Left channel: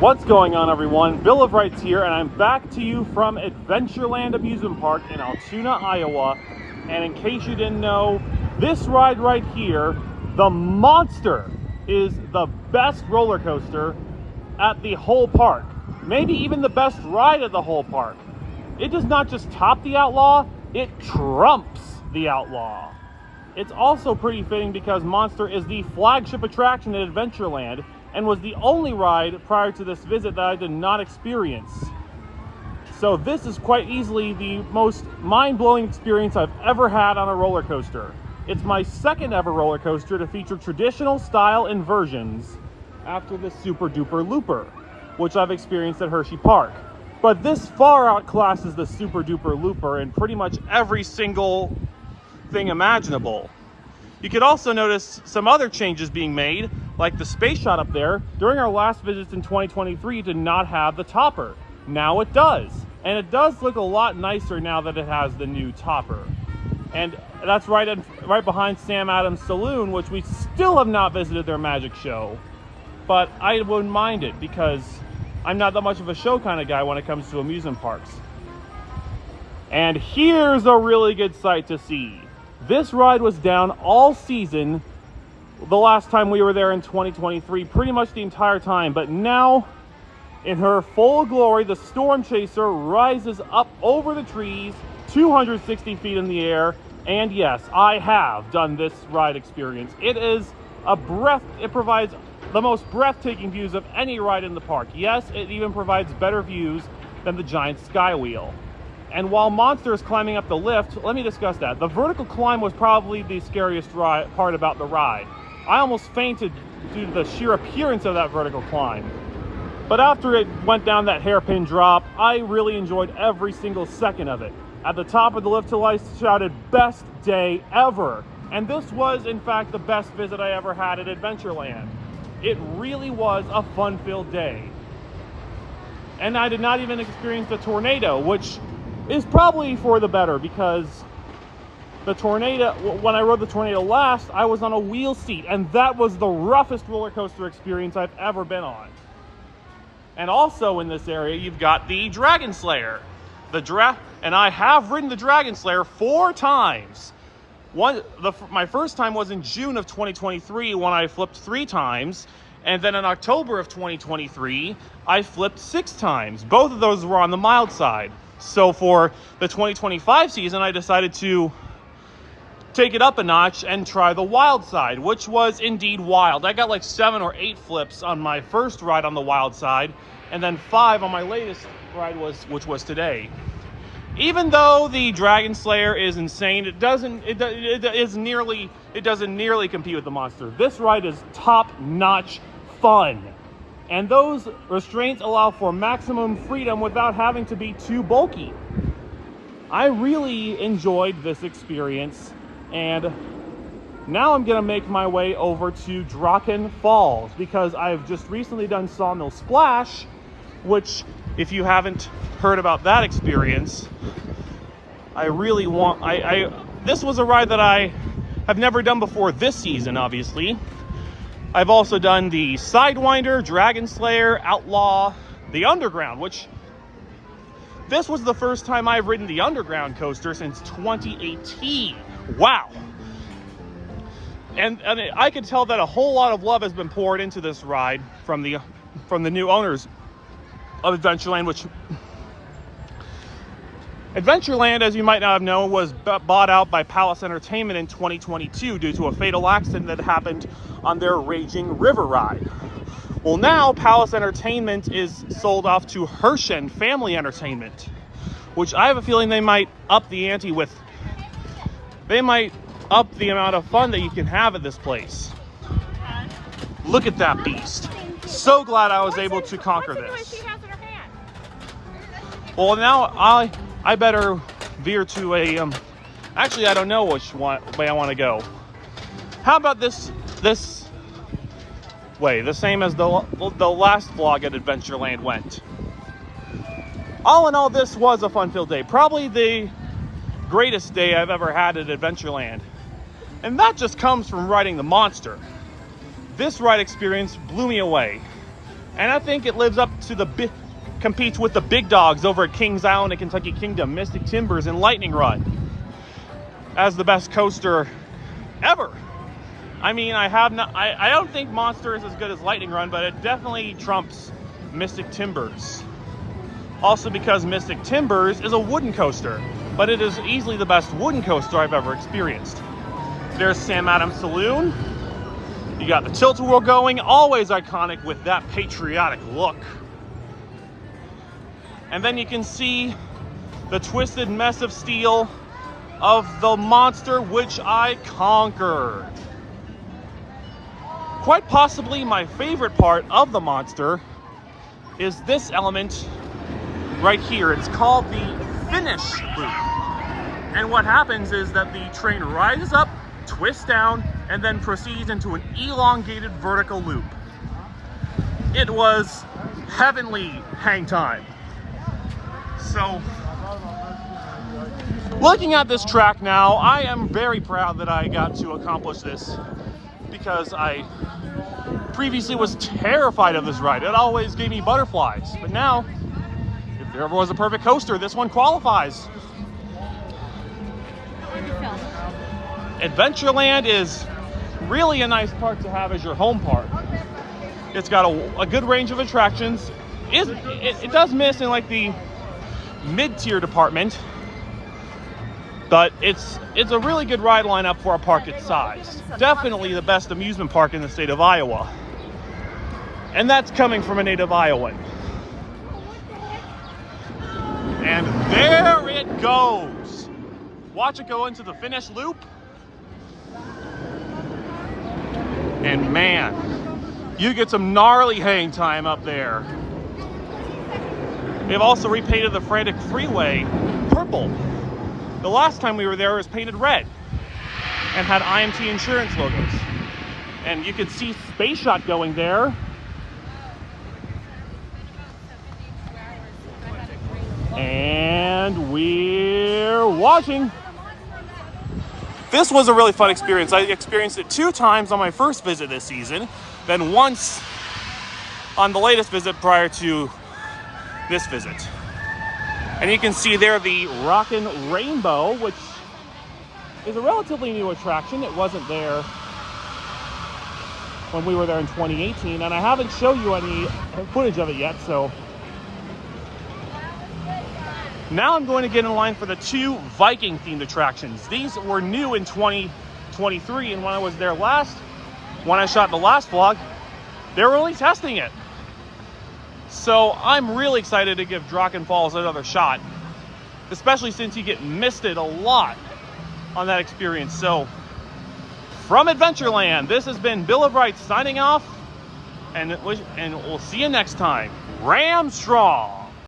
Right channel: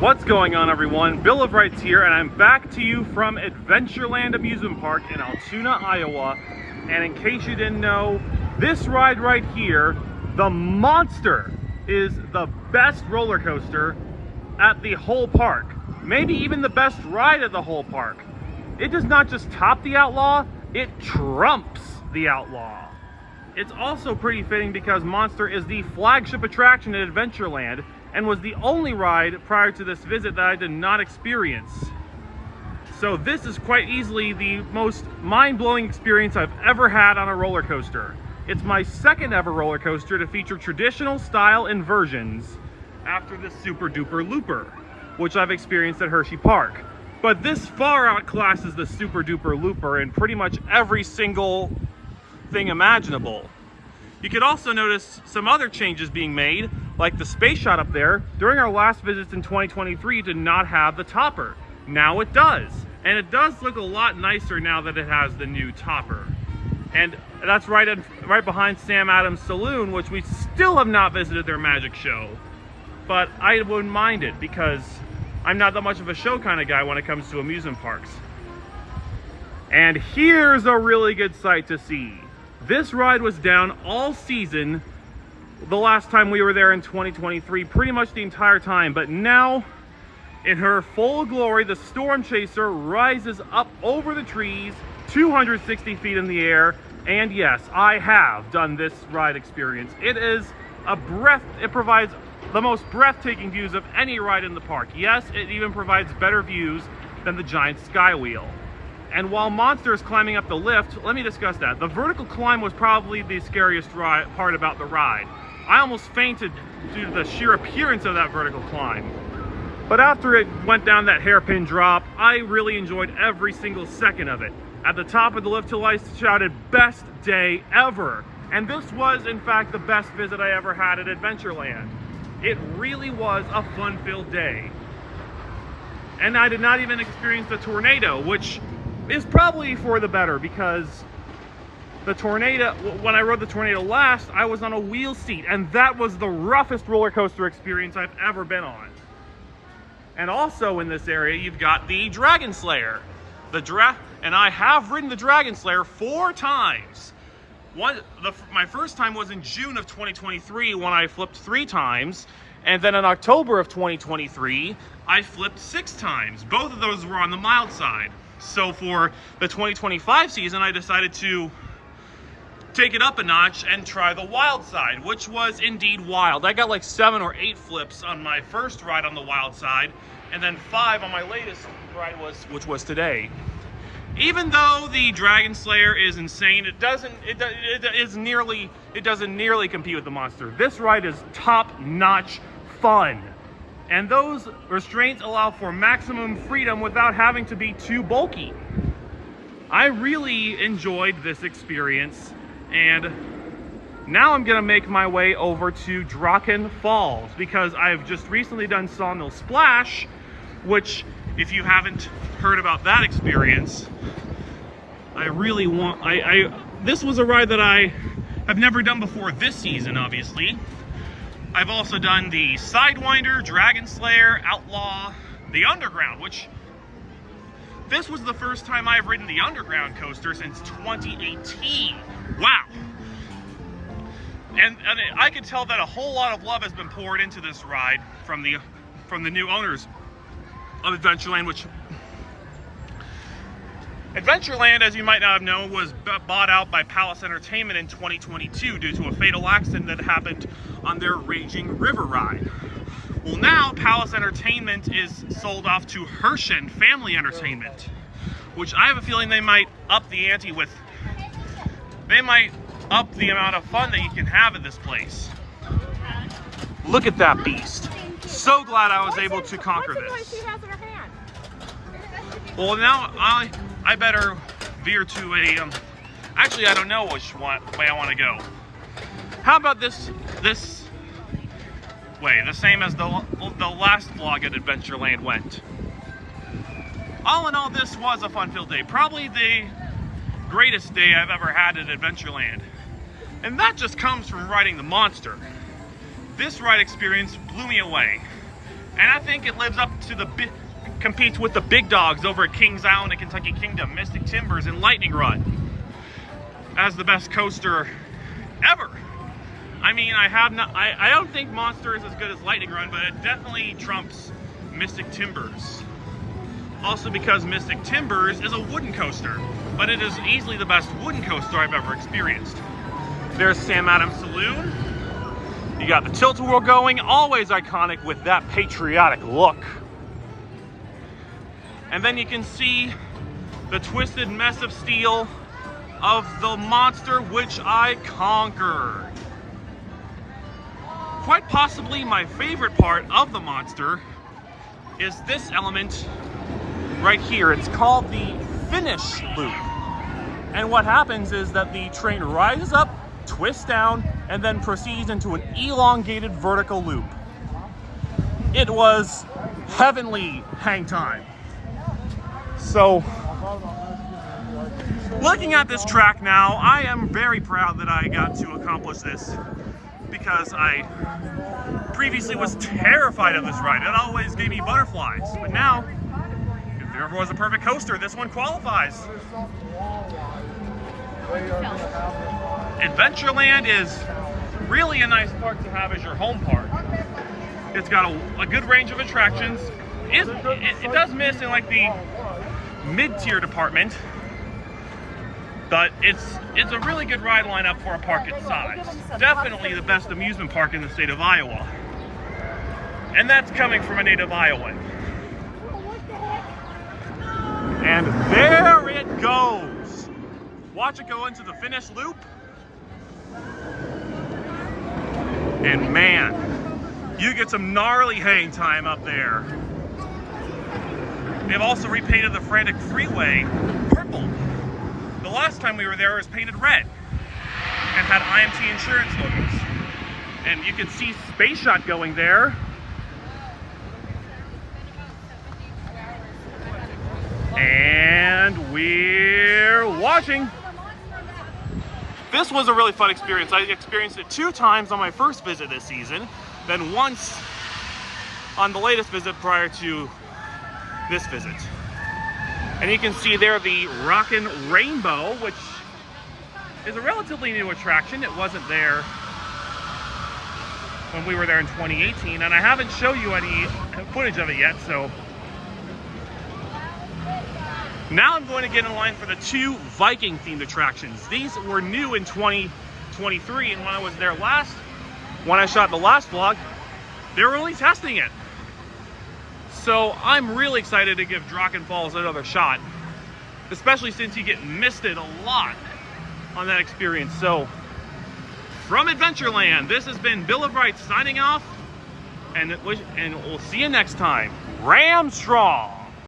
What's going on, everyone? Bill of Rights here, and I'm back to you from Adventureland Amusement Park in Altoona, Iowa. And in case you didn't know, this ride right here, the Monster, is the best roller coaster at the whole park. Maybe even the best ride at the whole park. It does not just top the Outlaw, it trumps the Outlaw. It's also pretty fitting because Monster is the flagship attraction at Adventureland and was the only ride prior to this visit that I did not experience. So this is quite easily the most mind-blowing experience I've ever had on a roller coaster. It's my second ever roller coaster to feature traditional style inversions after the Super Duper Looper, which I've experienced at Hershey Park. But this far outclasses the Super Duper Looper in pretty much every single thing imaginable. You could also notice some other changes being made, like the space shot up there. During our last visits in 2023, it did not have the topper. Now it does. And it does look a lot nicer now that it has the new topper. And that's right behind Sam Adams Saloon, which we still have not visited their magic show. But I wouldn't mind it because I'm not that much of a show kind of guy when it comes to amusement parks. And here's a really good sight to see. This ride was down all season the last time we were there in 2023, pretty much the entire time. But now, in her full glory, the Storm Chaser rises up over the trees, 260 feet in the air. And yes, I have done this ride experience. It provides the most breathtaking views of any ride in the park. Yes, it even provides better views than the giant Skywheel. And while Monster is climbing up the lift, let me discuss that. The vertical climb was probably the scariest part about the ride. I almost fainted due to the sheer appearance of that vertical climb. But after it went down that hairpin drop, I really enjoyed every single second of it. At the top of the lift hill, I shouted, "Best day ever!" And this was, in fact, the best visit I ever had at Adventureland. It really was a fun-filled day. And I did not even experience the tornado, which is probably for the better, because the tornado, when I rode the tornado last, I was on a wheel seat, and that was the roughest roller coaster experience I've ever been on. And also in this area, you've got the Dragon Slayer. And I have ridden the Dragon Slayer 4 times. My first time was in June of 2023 when I flipped 3 times. And then in October of 2023, I flipped 6 times. Both of those were on the mild side. So for the 2025 season, I decided to take it up a notch and try the wild side, which was indeed wild. I got like 7 or 8 flips on my first ride on the wild side, and then 5 on my latest ride, which was today. Even though the Dragon Slayer is insane, it doesn't nearly compete with the Monster. This ride is top-notch fun. And those restraints allow for maximum freedom without having to be too bulky. I really enjoyed this experience, and now I'm gonna make my way over to Draken Falls because I've just recently done Sawmill Splash, which, if you haven't heard about that experience, this was a ride that I have never done before this season, obviously. I've also done the Sidewinder, Dragon Slayer, Outlaw, the Underground, which this was the first time I've ridden the Underground coaster since 2018. Wow. And I can tell that a whole lot of love has been poured into this ride from the new owners of Adventureland, which Adventureland, as you might not have known, was bought out by Palace Entertainment in 2022 due to a fatal accident that happened on their Raging River ride. Well, now Palace Entertainment is sold off to Hershen Family Entertainment, which I have a feeling they might up the ante with. They might up the amount of fun that you can have at this place. Look at that beast. So glad I was able to conquer this. Well, now I better veer to a, actually I don't know which way I want to go. How about this way, the same as the last vlog at Adventureland went. All in all, this was a fun-filled day. Probably the greatest day I've ever had at Adventureland. And that just comes from riding the Monster. This ride experience blew me away. And I think it lives up to competes with the big dogs over at Kings Island and Kentucky Kingdom, Mystic Timbers and Lightning Run, as the best coaster ever. I mean, I don't think Monster is as good as Lightning Run, but it definitely trumps Mystic Timbers. Also because Mystic Timbers is a wooden coaster, but it is easily the best wooden coaster I've ever experienced. There's Sam Adams Saloon. You got the tilt-a-whirl going, always iconic with that patriotic look. And then you can see the twisted mess of steel of the Monster, which I conquered. Quite possibly my favorite part of the Monster is this element right here. It's called the finish loop. And what happens is that the train rises up, twists down, and then proceeds into an elongated vertical loop. It was heavenly hang time. So, looking at this track now, I am very proud that I got to accomplish this, because I previously was terrified of this ride. It always gave me butterflies. But now, if there ever was a perfect coaster, this one qualifies. Adventureland is really a nice park to have as your home park. It's got a good range of attractions. It does miss in like the mid-tier department, but it's a really good ride lineup for a park its size. Definitely the best amusement park in the state of Iowa. And that's coming from a native Iowan. And there it goes. Watch it go into the finish loop. And man, you get some gnarly hang time up there. They've also repainted the Frantic Freeway purple. The last time we were there, it was painted red and had IMT insurance logos. And you can see Space Shot going there. And we're watching. This was a really fun experience. I experienced it 2 times on my first visit this season, then once on the latest visit prior to this visit. And you can see there the Rockin' Rainbow, which is a relatively new attraction. It wasn't there when we were there in 2018, and I haven't shown you any footage of it yet, so. Now I'm going to get in line for the 2 Viking themed attractions. These were new in 2023, and when I was there when I shot the last vlog, they were only testing it. So I'm really excited to give Draken Falls another shot, especially since you get misted a lot on that experience. So from Adventureland, this has been Bill of Rights signing off, and we'll see you next time. Ram strong!